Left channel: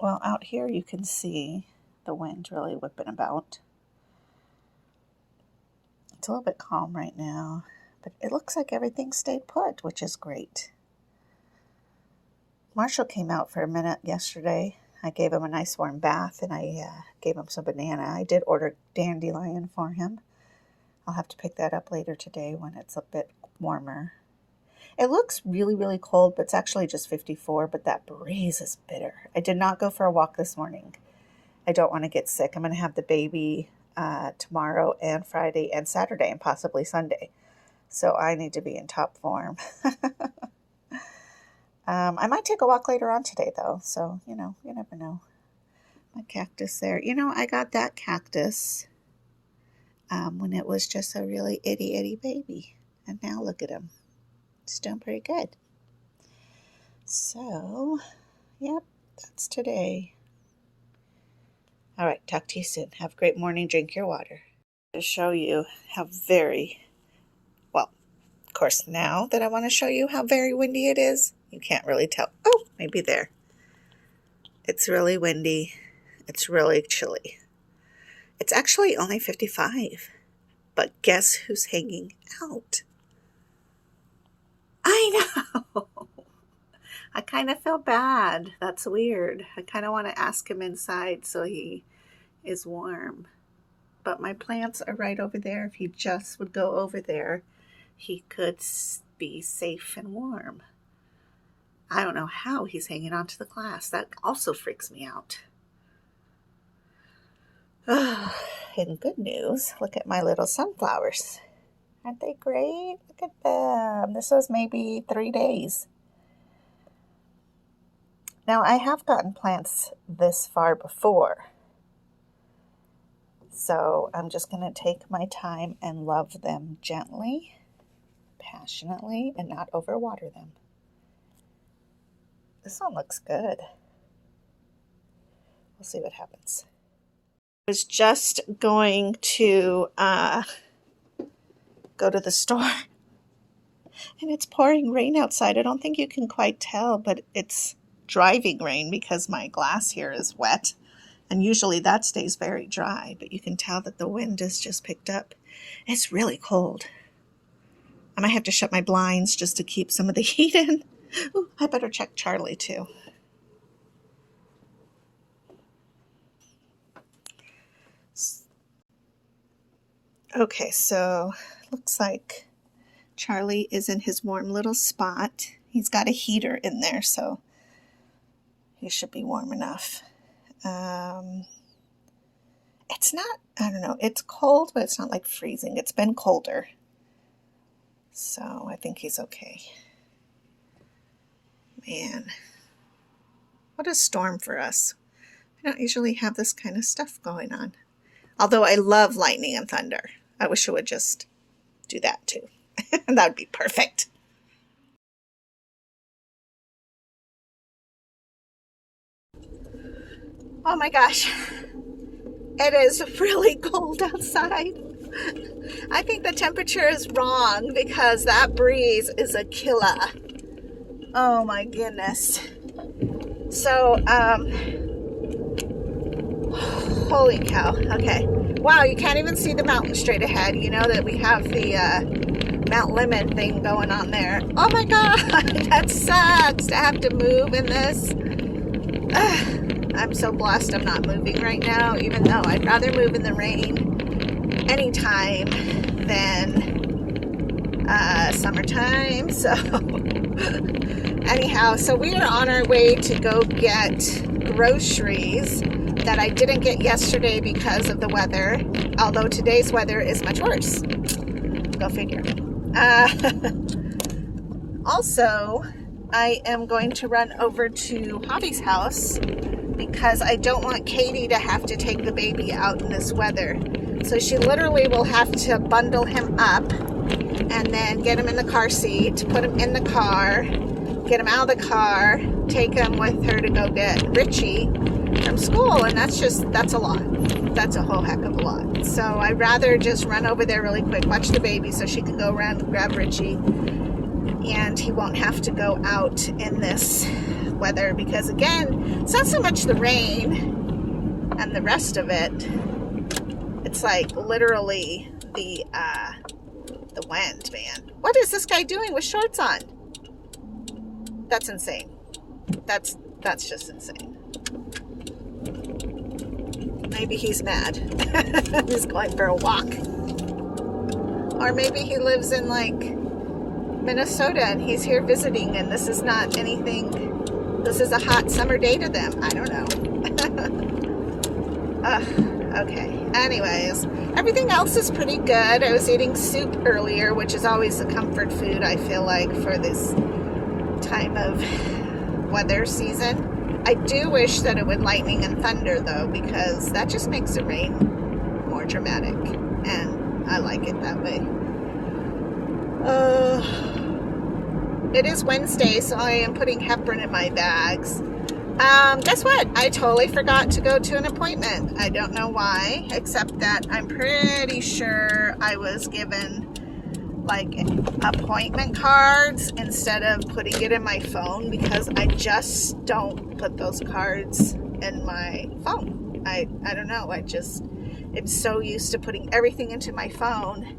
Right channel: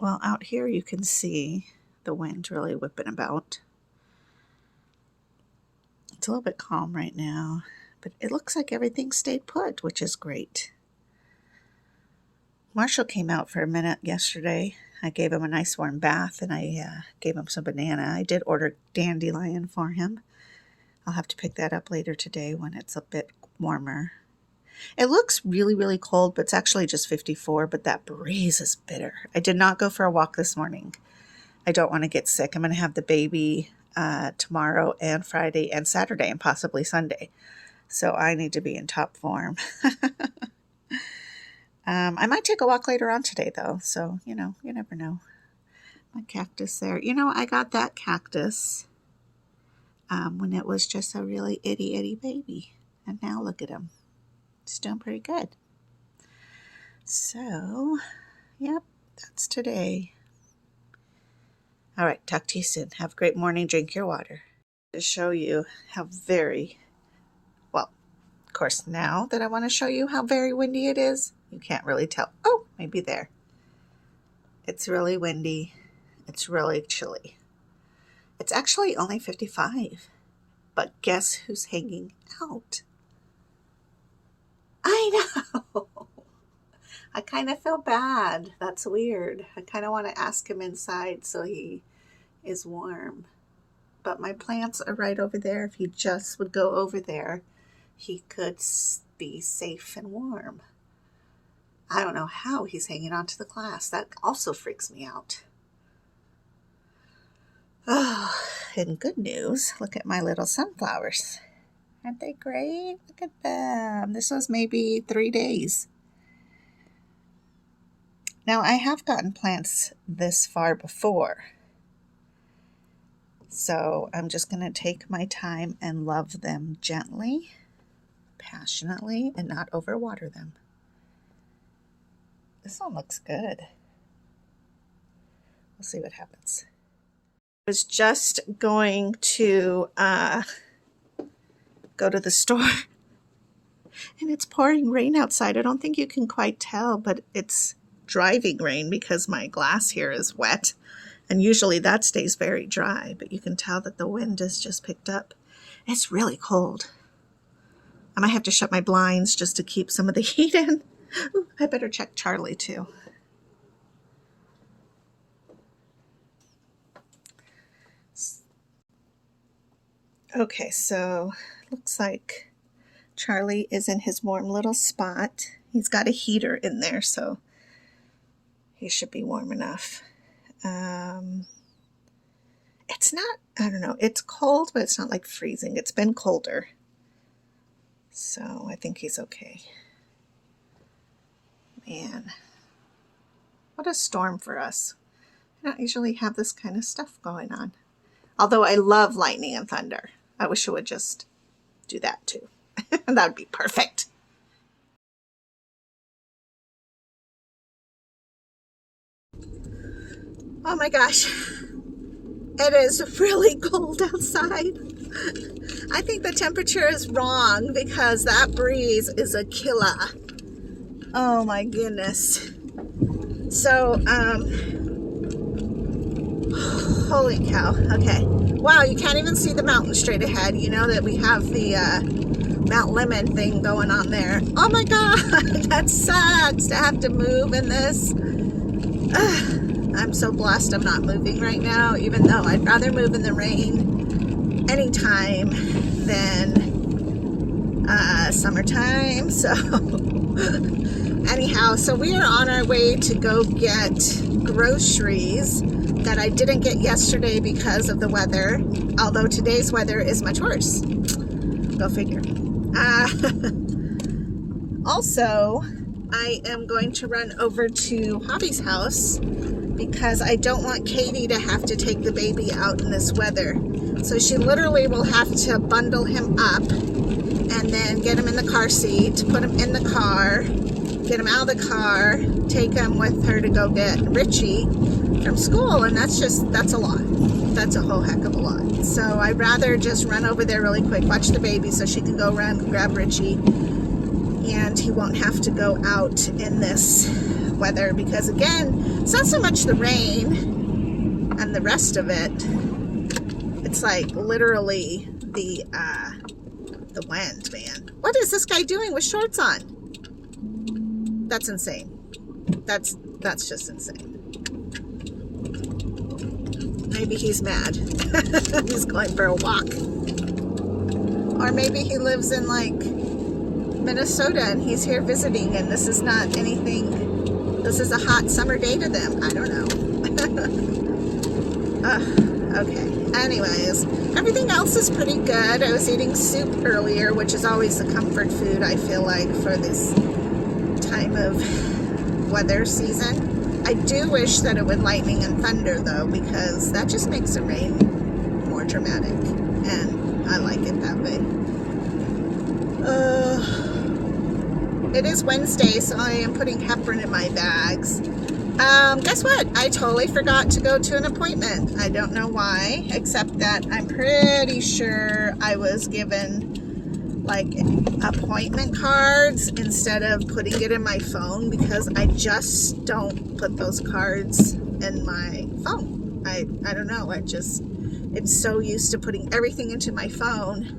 Well, out here you can see the wind really whipping about. It's a little bit calm right now, but it looks like everything stayed put, which is great. Marshall came out for a minute yesterday. I gave him a nice warm bath, and I gave him some banana. I did order dandelion for him. I'll have to pick that up later today when it's a bit warmer. It looks really, really cold, but it's actually just 54, but that breeze is bitter. I did not go for a walk this morning. I don't want to get sick. I'm going to have the baby tomorrow and Friday and Saturday and possibly Sunday. So I need to be in top form. I might take a walk later on today, though. So, you never know. My cactus there. I got that cactus when it was just a really itty baby. And now look at him. It's doing pretty good. So, yep, that's today. All right, talk to you soon. Have a great morning. Drink your water. To show you how of course, now that I want to show you how very windy it is, you can't really tell. Oh, maybe there. It's really windy. It's really chilly. It's actually only 55. But guess who's hanging out? I know. I kind of feel bad. That's weird. I kind of want to ask him inside so he is warm. But my plants are right over there. If he just would go over there, he could be safe and warm. I don't know how he's hanging on to the glass. That also freaks me out. Oh, and good news, look at my little sunflowers. Aren't they great? Look at them. This was maybe 3 days. Now, I have gotten plants this far before. So I'm just going to take my time and love them gently, passionately, and not overwater them. This one looks good. We'll see what happens. I was just going to go to the store, and it's pouring rain outside. I don't think you can quite tell, but it's driving rain because my glass here is wet, and usually that stays very dry, but you can tell that the wind has just picked up. It's really cold. I might have to shut my blinds just to keep some of the heat in. Ooh, I better check Charlie too. Okay, so looks like Charlie is in his warm little spot. He's got a heater in there, so he should be warm enough. It's not, I don't know, it's cold, but it's not like freezing. It's been colder. So I think he's okay. Man, what a storm for us. I don't usually have this kind of stuff going on. Although I love lightning and thunder. I wish it would just do that too. That would be perfect. Oh my gosh. It is really cold outside. I think the temperature is wrong because that breeze is a killer. Oh my goodness. So, holy cow. Okay. Wow, you can't even see the mountain straight ahead. You know that we have the Mount Lemon thing going on there. Oh my God, that sucks to have to move in this. I'm so blessed I'm not moving right now, even though I'd rather move in the rain anytime than summertime. So anyhow, so we are on our way to go get groceries that I didn't get yesterday because of the weather, although today's weather is much worse. Go figure. Also, I am going to run over to Hobby's house because I don't want Katie to have to take the baby out in this weather. So she literally will have to bundle him up and then get him in the car seat, put him in the car, get him out of the car, take him with her to go get Richie from school, and that's a lot. That's a whole heck of a lot. So I'd rather just run over there really quick, watch the baby so she can go around and grab Richie, and he won't have to go out in this weather, because again, it's not so much the rain and the rest of it. It's like literally the wind, man. What is this guy doing with shorts on? That's insane. That's just insane. Maybe he's mad. He's going for a walk. Or maybe he lives in like Minnesota and he's here visiting, and this is not anything, this is a hot summer day to them. I don't know. Okay. Anyways, everything else is pretty good. I was eating soup earlier, which is always a comfort food, I feel like, for this time of weather season. I do wish that it would lightning and thunder though, because that just makes the rain more dramatic, and I like it that way. It is Wednesday, so I am putting heparin in my bags. Guess what? I totally forgot to go to an appointment. I don't know why, except that I'm pretty sure I was given like appointment cards instead of putting it in my phone, because I just don't put those cards in my phone. I don't know. I'm so used to putting everything into my phone,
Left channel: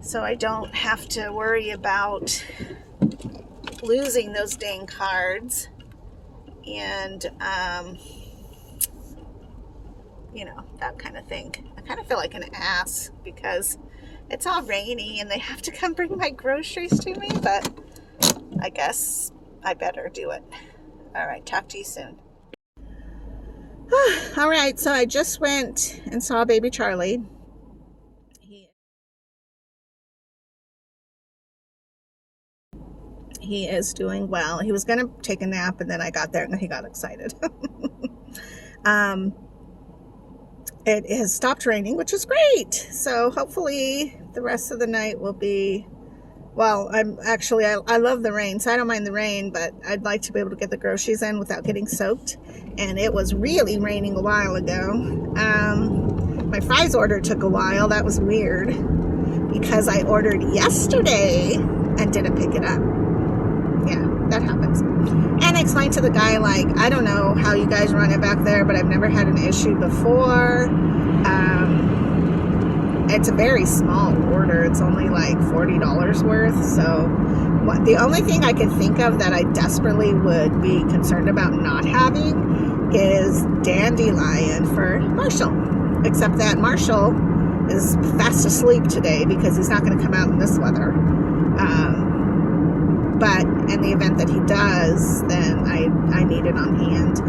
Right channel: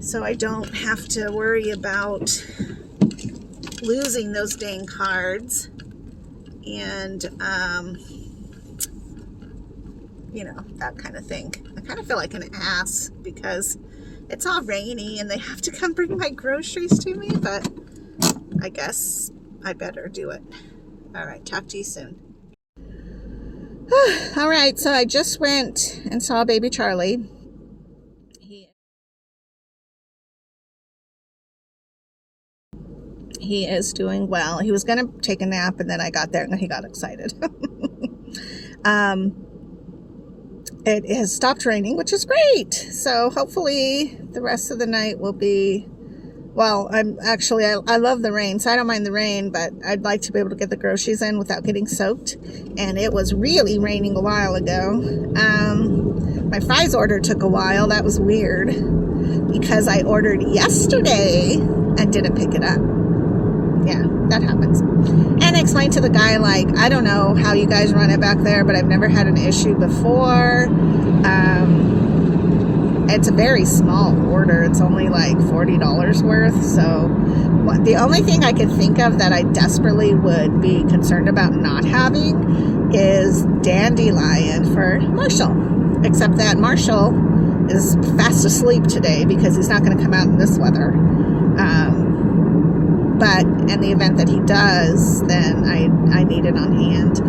so I don't have to worry about losing those dang cards. And you know, that kind of thing. I kind of feel like an ass because it's all rainy and they have to come bring my groceries to me, but I guess I better do it. All right, talk to you soon. All right, so I just went and saw baby Charlie. He is doing well. He was going to take a nap, and then I got there and he got excited. It has stopped raining, which is great. So hopefully the rest of the night will be, well, I love the rain, so I don't mind the rain, but I'd like to be able to get the groceries in without getting soaked. And it was really raining a while ago. My fries order took a while. That was weird because I ordered yesterday and didn't pick it up. Yeah, that happens. And I explained to the guy, like, I don't know how you guys run it back there, but I've never had an issue before. It's a very small order. It's only like $40 worth. So the only thing I could think of that I desperately would be concerned about not having is dandelion for Marshall. Except that Marshall is fast asleep today because he's not going to come out in this weather. But in the event that he does, then I need it on hand.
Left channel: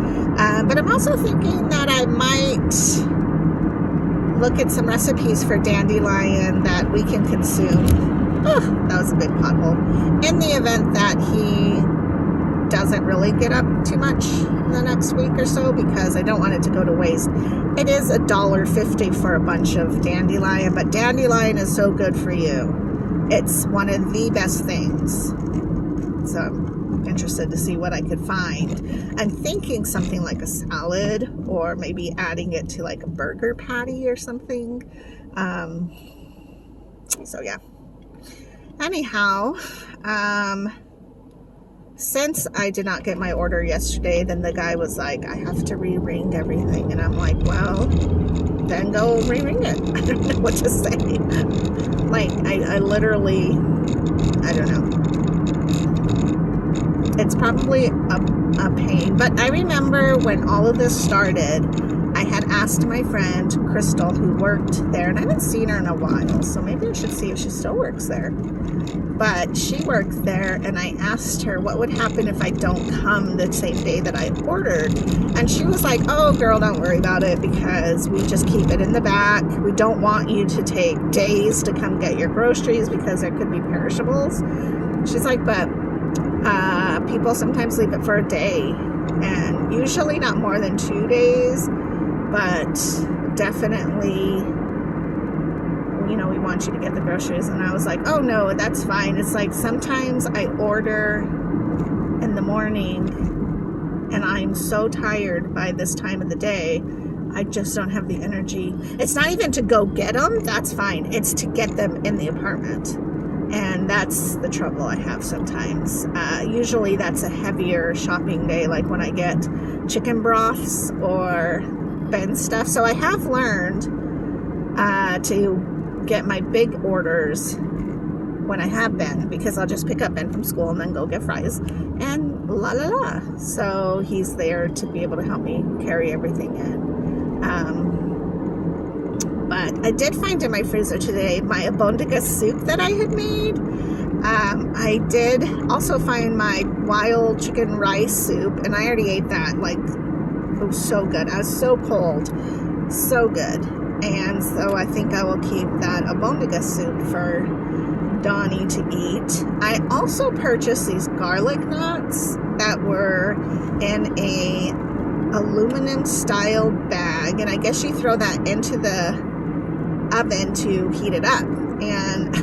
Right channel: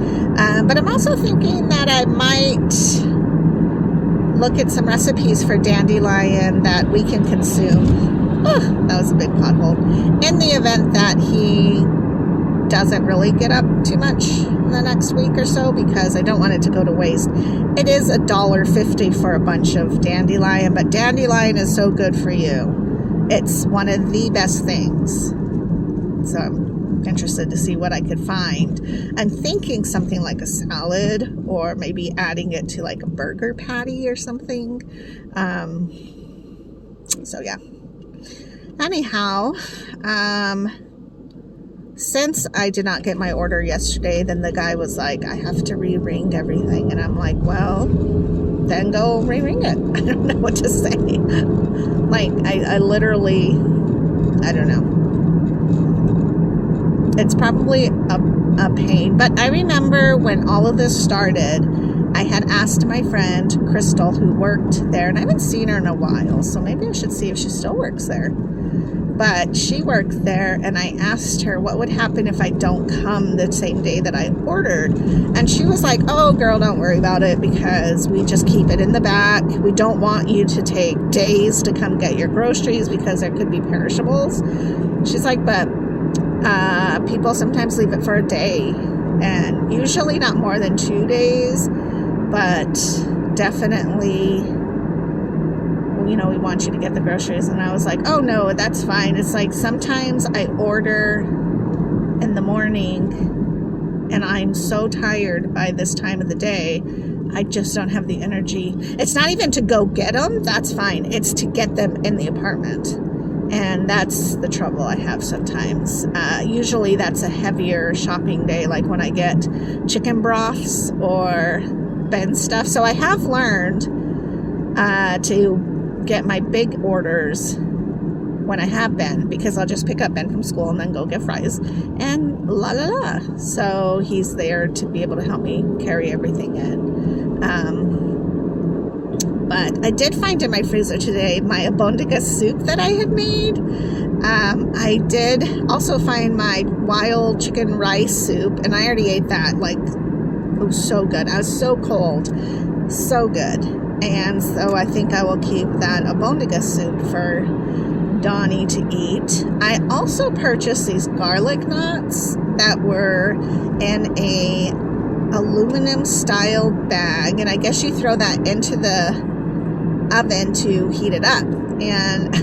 But I'm also thinking that I might look at some recipes for dandelion that we can consume. Oh, that was a big pothole. In the event that he doesn't really get up too much in the next week or so, because I don't want it to go to waste. It is $1.50 for a bunch of dandelion, but dandelion is so good for you. It's one of the best things. So I'm interested to see what I could find. I'm thinking something like a salad, or maybe adding it to like a burger patty or something. So yeah. Anyhow, since I did not get my order yesterday, then the guy was like, I have to re-ring everything. And I'm like, well, then go re-ring it. I don't know what to say. Like, I literally, I don't know. It's probably a pain. But I remember when all of this started, I had asked my friend Crystal, who worked there, and I haven't seen her in a while, so maybe I should see if she still works there. But she worked there, and I asked her what would happen if I don't come the same day that I ordered. And she was like, oh, girl, don't worry about it, because we just keep it in the back. We don't want you to take days to come get your groceries because there could be perishables. She's like, but people sometimes leave it for a day, and usually not more than 2 days, but definitely, you know, we want you to get the groceries. And I was like, oh no, that's fine. It's like sometimes I order in the morning and I'm so tired by this time of the day, I just don't have the energy. It's not even to go get them, that's fine. It's to get them in the apartment. And that's the trouble I have sometimes. Usually that's a heavier shopping day, like when I get chicken broths or Ben stuff. So I have learned to get my big orders when I have Ben, because I'll just pick up Ben from school and then go get fries and la la la. So he's there to be able to help me carry everything in. But I did find in my freezer today my abondiga soup that I had made. I did also find my wild chicken rice soup, and I already ate that. Like, it was so good. I was so cold, so good. And so I think I will keep that abondiga soup for Donnie to eat. I also purchased these garlic knots that were in a aluminum style bag, and I guess you throw that into the oven to heat it up. And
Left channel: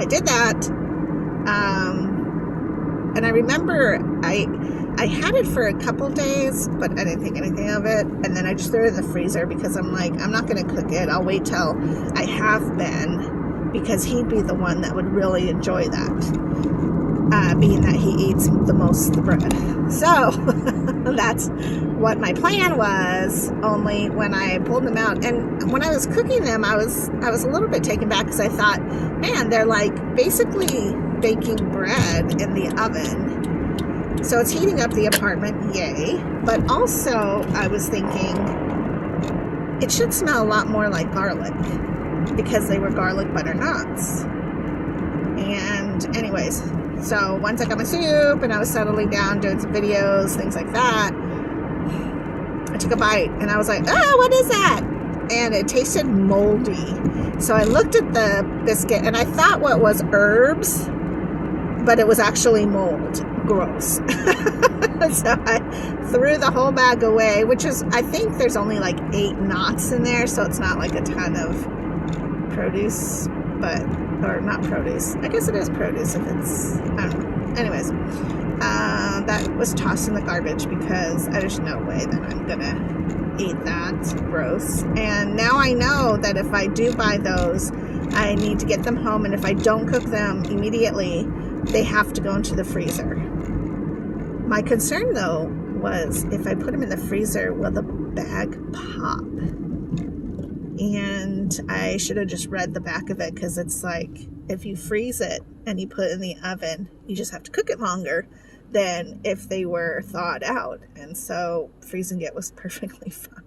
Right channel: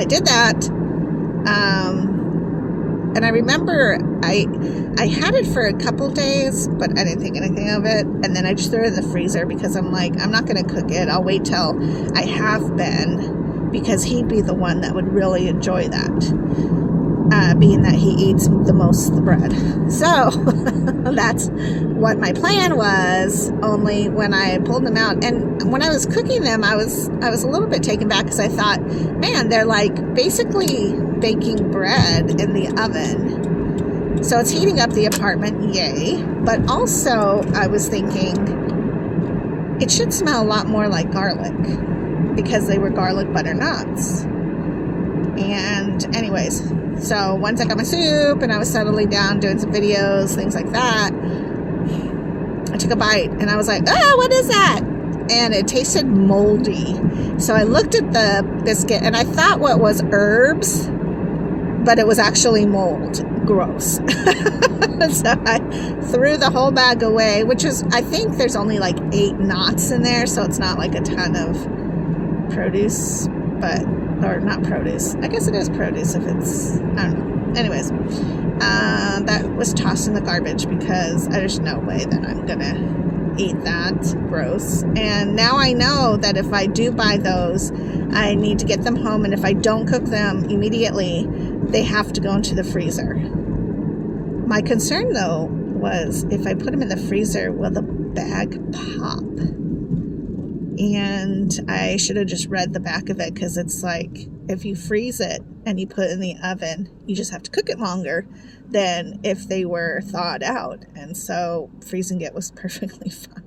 I did that. And I remember I had it for a couple days, but I didn't think anything of it. And then I just threw it in the freezer because I'm like, I'm not going to cook it. I'll wait till I have Ben, because he'd be the one that would really enjoy that, being that he eats the most of the bread. So that's what my plan was, only when I pulled them out. And when I was cooking them, I was a little bit taken back, because I thought, man, they're like basically baking bread in the oven. So it's heating up the apartment, yay. But also I was thinking it should smell a lot more like garlic, because they were garlic butter knots. And anyways, so once I got my soup and I was settling down doing some videos, things like that, I took a bite and I was like, oh, what is that? And it tasted moldy. So I looked at the biscuit and I thought what was herbs, but it was actually mold. Gross. So I threw the whole bag away, which is, I think there's only like 8 knots in there, so it's not like a ton of produce, but, or not produce. I guess it is produce if it's, I don't know. Anyways, that was tossed in the garbage because there's no way that I'm gonna eat that. Gross. And now I know that if I do buy those, I need to get them home, and if I don't cook them immediately, they have to go into the freezer. My concern though was, if I put them in the freezer, will the bag pop? And I should have just read the back of it, because it's like, if you freeze it and you put it in the oven, you just have to cook it longer than if they were thawed out. And so freezing it was perfectly fine.